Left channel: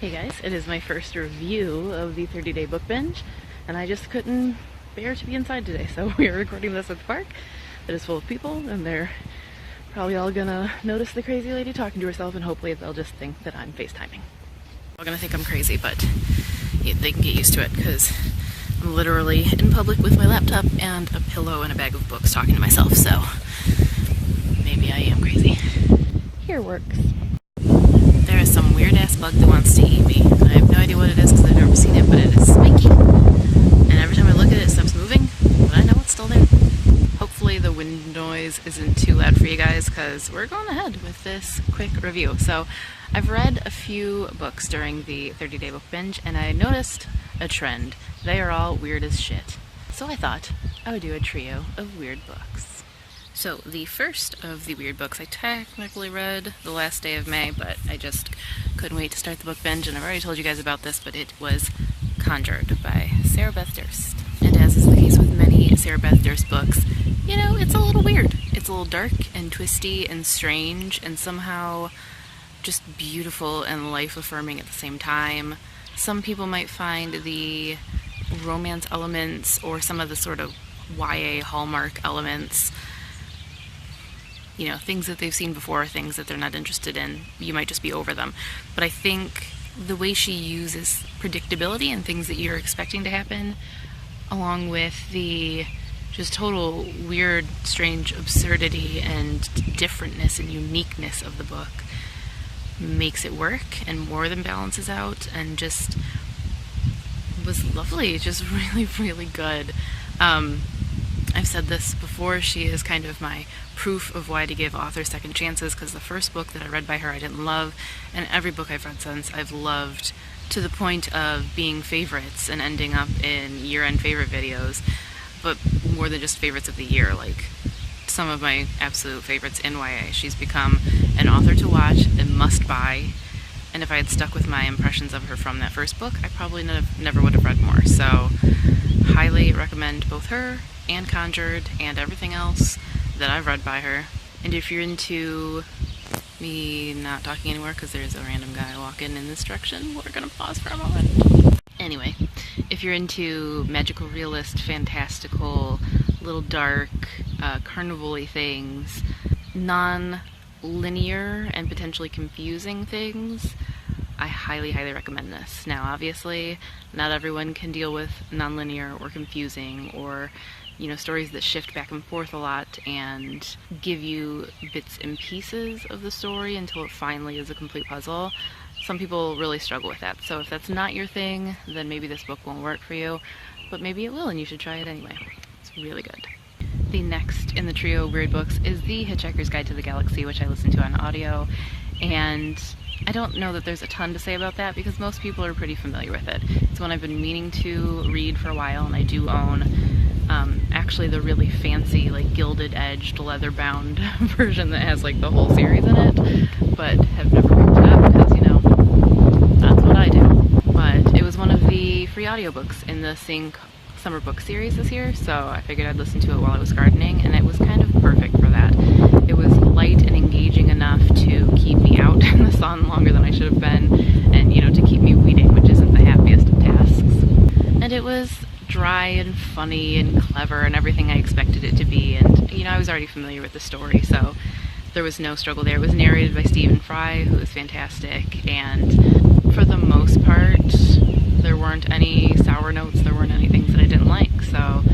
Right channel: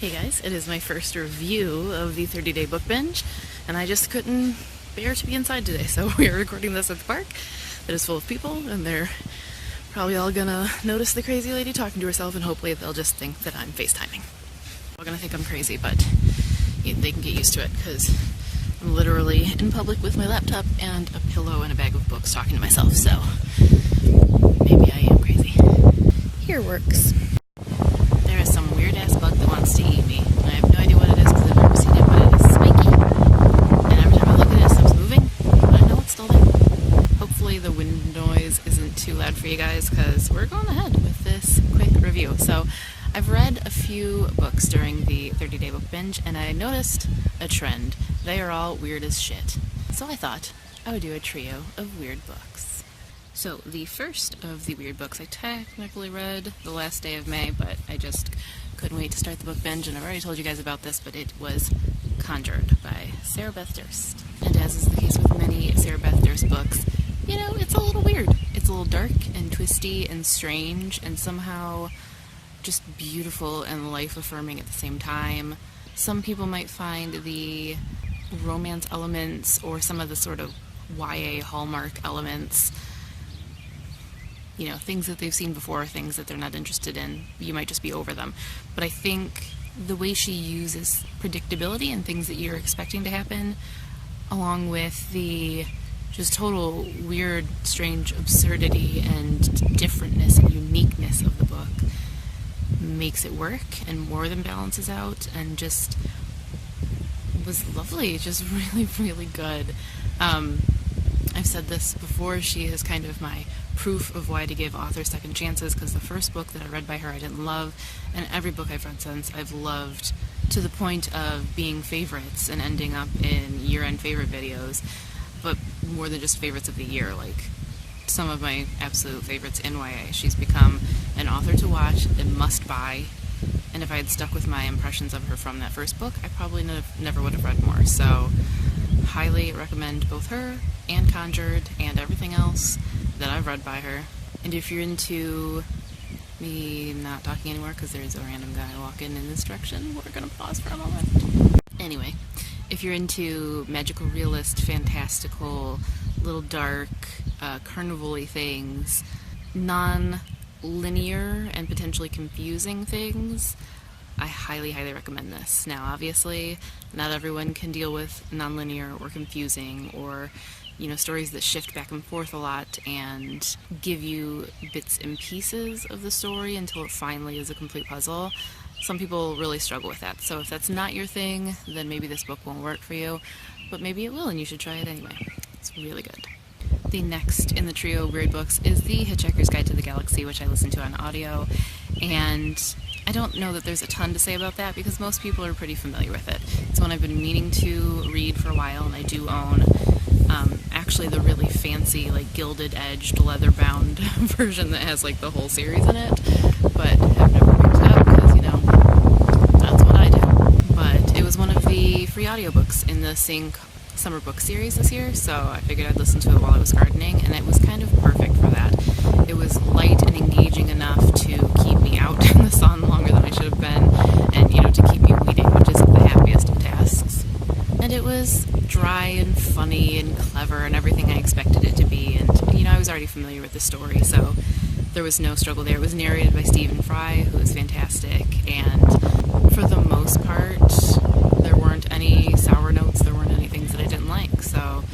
Hey guys, it is my first review of the 30-day book binge, and I just couldn't bear to be inside today, so we are recording this at the park that is full of people, and they're probably all gonna notice the crazy lady talking to herself, and hopefully they'll just think that I'm FaceTiming. They're gonna think I'm crazy, but they can get used to it, because I'm literally in public with my laptop and a pillow and a bag of books talking to myself, so maybe I am crazy. Here works. There is some weird-ass bug that wants to eat me, and I have no idea what it is because I've never seen it, but it is spiky. And every time I look at it, it stops moving, but I know it's still there. Hopefully the wind noise isn't too loud for you guys, because we're going ahead with this quick review. So I've read a few books during the 30-day book binge, and I noticed a trend. They are all weird as shit. So I thought I would do a trio of weird books. So the first of the weird books I technically read the last day of May, but I just couldn't wait to start the book binge, and I've already told you guys about this, but it was Conjured by Sarah Beth Durst. And as is the case with many Sarah Beth Durst books, you know, it's a little weird. It's a little dark and twisty and strange and somehow just beautiful and life-affirming at the same time. Some people might find the romance elements or some of the sort of YA hallmark elements, you know, things that they've seen before, things that they're not interested in, you might just be over them. But I think the way she uses predictability and things that you're expecting to happen, along with the just total weird, strange absurdity and differentness and uniqueness of the book, makes it work and more than balances out, and just was lovely, just really, really good. I've said this before, she is kind of my proof of why to give authors second chances, because the first book that I read by her I didn't love, and every book I've read since I've loved, to the point of being favorites and ending up in year-end favorite videos, but more than just favorites of the year, like some of my absolute favorites in YA. She's become an author to watch, a must-buy, and if I had stuck with my impressions of her from that first book, I probably never would have read more. So highly recommend both her and Conjured and everything else that I've read by her. And if you're into me not talking anymore because there's a random guy walking in this direction, we're gonna pause for a moment. Anyway, if you're into magical realist, fantastical, little dark, carnival-y things, non-linear and potentially confusing things, I highly, highly recommend this. Now, obviously, not everyone can deal with non-linear or confusing or, you know, stories that shift back and forth a lot and give you bits and pieces of the story until it finally is a complete puzzle. Some people really struggle with that. So if that's not your thing, then maybe this book won't work for you, but maybe it will and you should try it anyway. It's really good. The next in the trio of weird books is The Hitchhiker's Guide to the Galaxy, which I listened to on audio, and I don't know that there's a ton to say about that because most people are pretty familiar with it. It's one I've been meaning to read for a while, and I do own actually the really fancy, like, gilded-edged, leather-bound version that has, like, the whole series in it, but I've never picked it up because, you know, that's what I do. But it was one of the free audiobooks in the Sync summer book series this year, so I figured I'd listen to it while I was gardening, and it was kind of perfect for that. It was light and engaging enough to keep me out in the sun longer than I should have been, and, you know, to keep me reading, which isn't the happiest of tasks. And it was dry and funny and clever and everything I expected it to be, and, you know, I was already familiar with the story, so there was no struggle there. It was narrated by Stephen Fry, who is fantastic, and for the most part, there weren't any sour notes, there weren't any things that I didn't like, so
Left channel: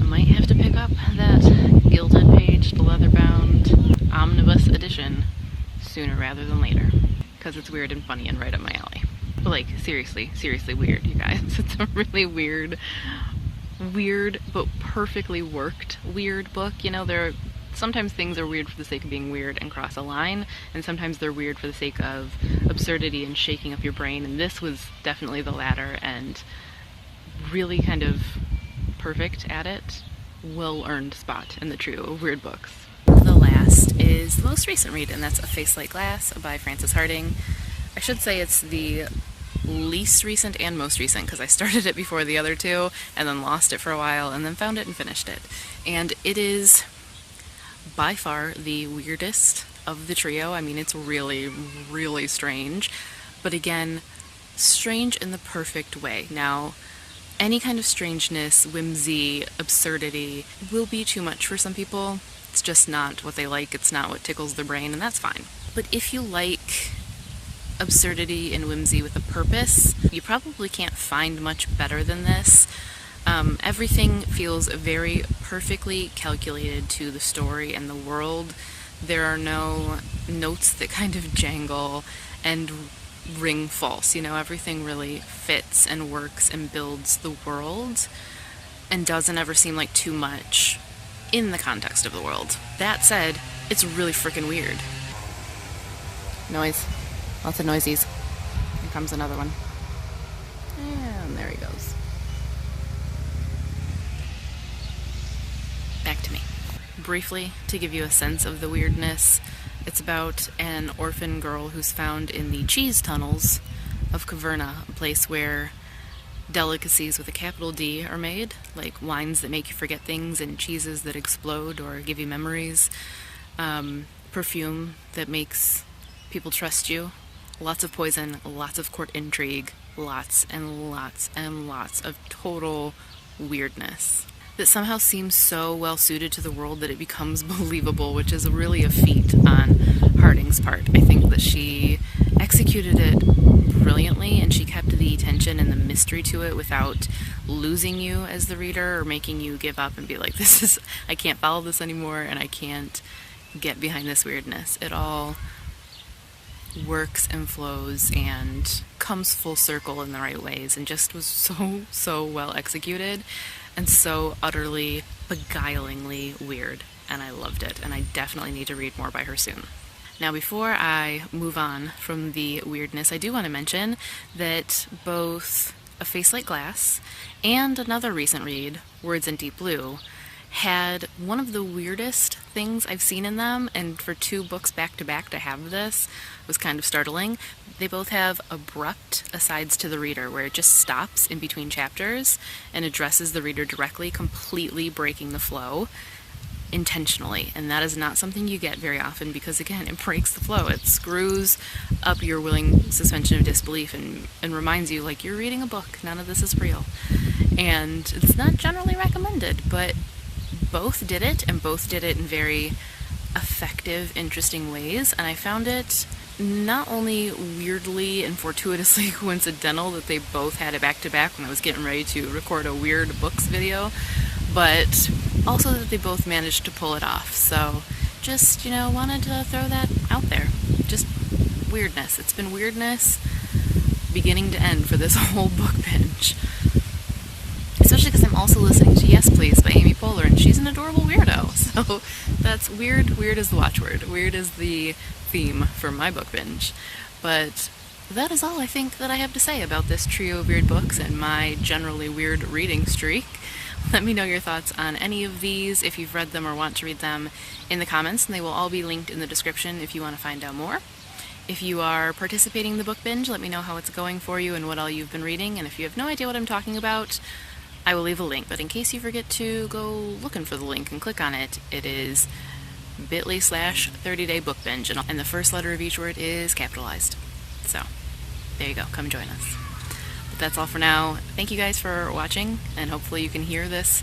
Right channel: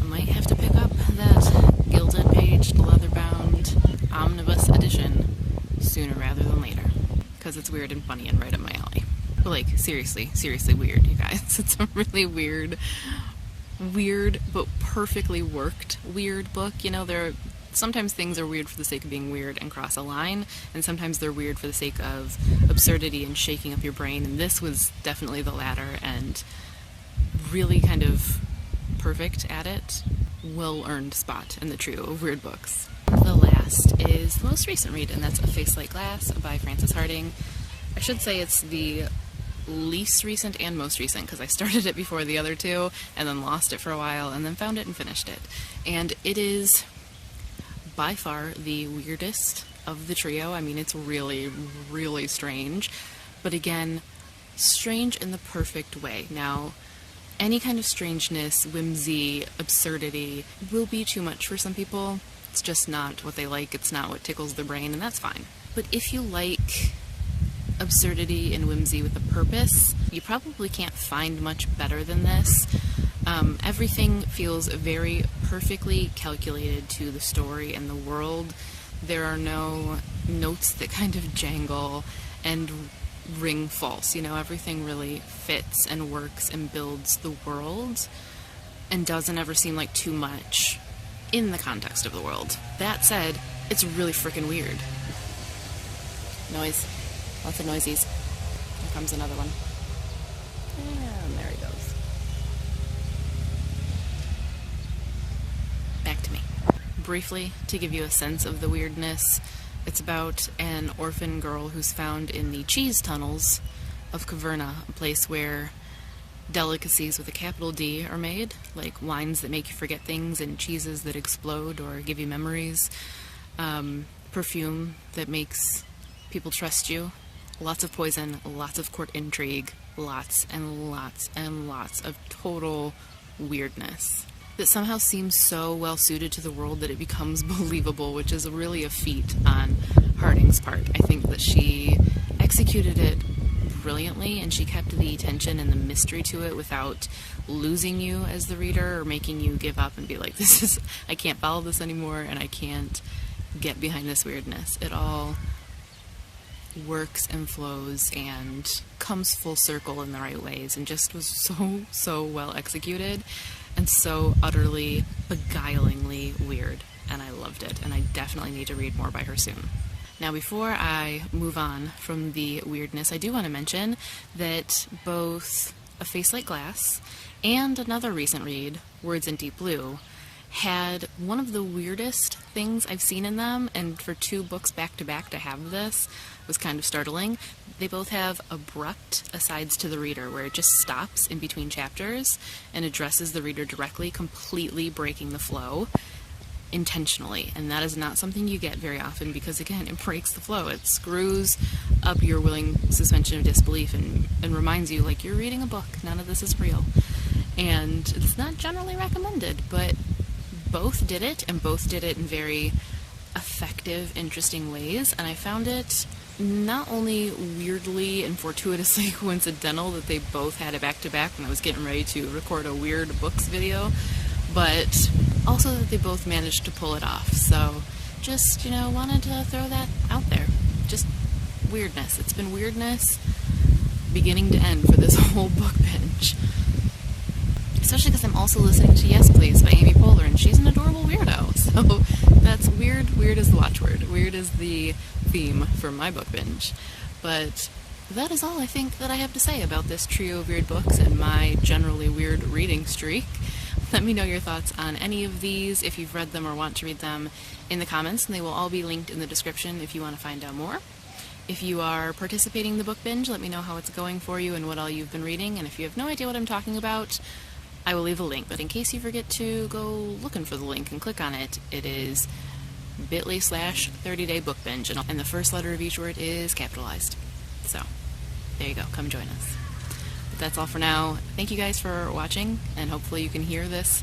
I might have to pick up that gilded-paged, leather-bound omnibus edition sooner rather than later, because it's weird and funny and right up my alley. But, like, seriously weird, you guys. It's a really weird but perfectly worked weird book. You know, sometimes things are weird for the sake of being weird and cross a line, and sometimes they're weird for the sake of absurdity and shaking up your brain, and this was definitely the latter, and really kind of perfect at it. Well-earned spot in the trio of weird books. The last is the most recent read, and that's A Face Like Glass by Frances Harding. I should say it's the least recent and most recent, because I started it before the other two and then lost it for a while and then found it and finished it. And it is by far the weirdest of the trio. I mean, it's really, really strange. But again, strange in the perfect way. Now, any kind of strangeness, whimsy, absurdity will be too much for some people. It's just not what they like, it's not what tickles their brain, and that's fine. But if you like absurdity and whimsy with a purpose, you probably can't find much better than this. Everything feels very perfectly calculated to the story and the world. There are no notes that kind of jangle and ring false. You know, everything really fits and works and builds the world and doesn't ever seem like too much in the context of the world. That said, it's really freaking weird. Noise. Lots of noisies. Here comes another one. And there he goes. Back to me. Briefly, to give you a sense of the weirdness, it's about an orphan girl who's found in the cheese tunnels of Caverna, a place where delicacies with a capital D are made, like wines that make you forget things and cheeses that explode or give you memories, perfume that makes people trust you, lots of poison, lots of court intrigue, lots and lots and lots of total weirdness that somehow seems so well suited to the world that it becomes believable, which is really a feat on Harding's part. I think that she executed it brilliantly, and she kept the tension and the mystery to it without losing you as the reader or making you give up and be like, I can't follow this anymore and I can't get behind this weirdness. It all works and flows and comes full circle in the right ways and just was so well executed and so utterly beguilingly weird, and I loved it, and I definitely need to read more by her soon. Now, before I move on from the weirdness, I do want to mention that both A Face Like Glass and another recent read, Words in Deep Blue, had one of the weirdest things I've seen in them, and for two books back to back to have this was kind of startling. They both have abrupt asides to the reader, where it just stops in between chapters and addresses the reader directly, completely breaking the flow intentionally, and that is not something you get very often because, again, it breaks the flow. It screws up your willing suspension of disbelief and reminds you, like, you're reading a book, none of this is real. And it's not generally recommended, but both did it, and both did it in very effective, interesting ways, and I found it not only weirdly and fortuitously coincidental that they both had it back-to-back when I was getting ready to record a weird books video, but also that they both managed to pull it off. So just, wanted to throw that out there. Just weirdness. It's been weirdness beginning to end for this whole book binge. Especially because I'm also listening to Yes Please by Amy Poehler, and she's an adorable weirdo. So that's weird. Weird is the watchword. Weird is the theme for my book binge. But that is all I think that I have to say about this trio of weird books and my generally weird reading streak. Let me know your thoughts on any of these, if you've read them or want to read them, in the comments, and they will all be linked in the description if you want to find out more. If you are participating in the book binge, let me know how it's going for you and what all you've been reading, and if you have no idea what I'm talking about, I will leave a link, but in case you forget to go looking for the link and click on it, it is bit.ly/30day book binge, and the first letter of each word is capitalized. So, there you go, come join us. But that's all for now. Thank you guys for watching, and hopefully you can hear this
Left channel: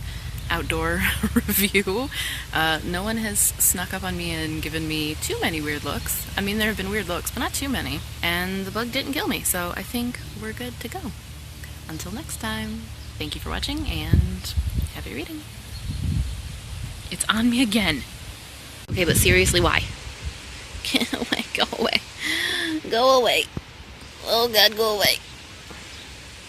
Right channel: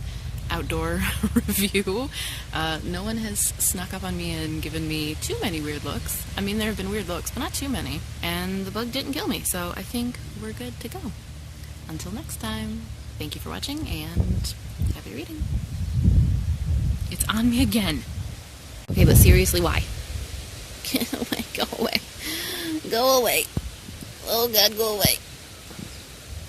outdoor review. No one has snuck up on me and given me too many weird looks. I mean, there have been weird looks, but not too many. And the bug didn't kill me, so I think we're good to go. Until next time. Thank you for watching, and happy reading. It's on me again. Okay, but seriously, why? Get away, go away. Go away. Oh God, go away.